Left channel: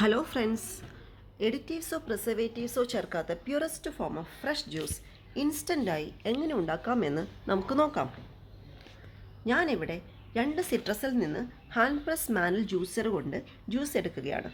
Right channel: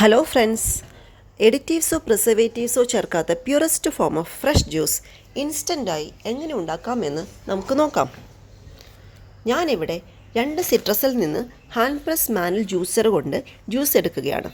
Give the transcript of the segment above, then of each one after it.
Hello friends, എഡിറ്റീവ്സോ പ്രിസർവേറ്റീവ്സോ ചേർക്കാത്ത purest form of fresh juice ഇൻസ്റ്റൻ്റായി എങ്ങനെ ഉണ്ടാക്കാമെന്ന് നമുക്ക് നോക്കാം. ഞാനിവിടെ 2 സിട്രസിൽ നിന്ന് ഹാൻഡ് പ്രസ് മാനുവൽ ജ്യൂസർ കൊണ്ട് ജ്യൂസ് എടുക്കുകയാണ്.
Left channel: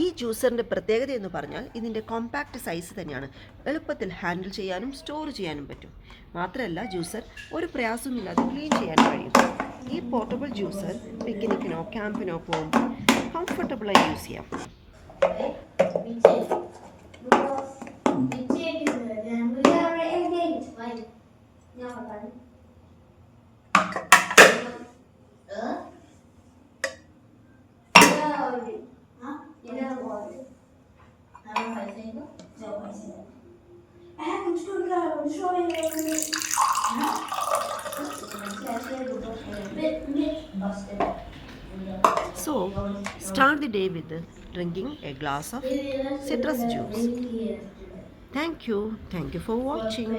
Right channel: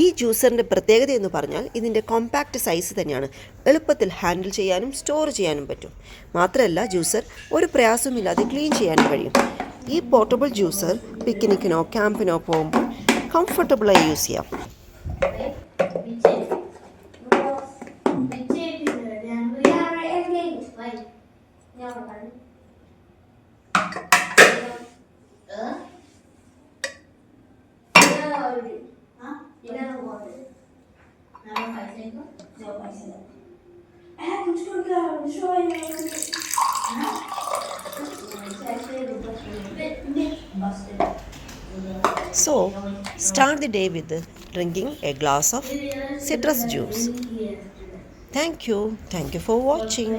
ഈ ജ്യൂസറിൻ്റെ പ്രത്യേകത എന്ന് പറഞ്ഞാൽ ഇതിൻ്റെ കോമ്പാക്റ്റ് സൈസ് തന്നെയാണ്. എളുപ്പത്തിൽ ഹാൻഡിൽ ചെയ്യാനും സ്റ്റോർ ചെയ്യാനും പറ്റും. മാത്രമല്ല ജ്യൂസർ ഒരു പ്രയാസമില്ലാതെ ക്ലീൻ ചെയ്യാനും കഴിയും. ഈ പോർട്ടബിൾ ജ്യൂസർ പിക്നിക്കിനോ ക്യാമ്പിനോ പോകുമ്പോൾ കംഫർട്ടബിളായി യൂസ് ചെയ്യാം. So, start the day with drinking a glass of citrus juice. Thank you for watching.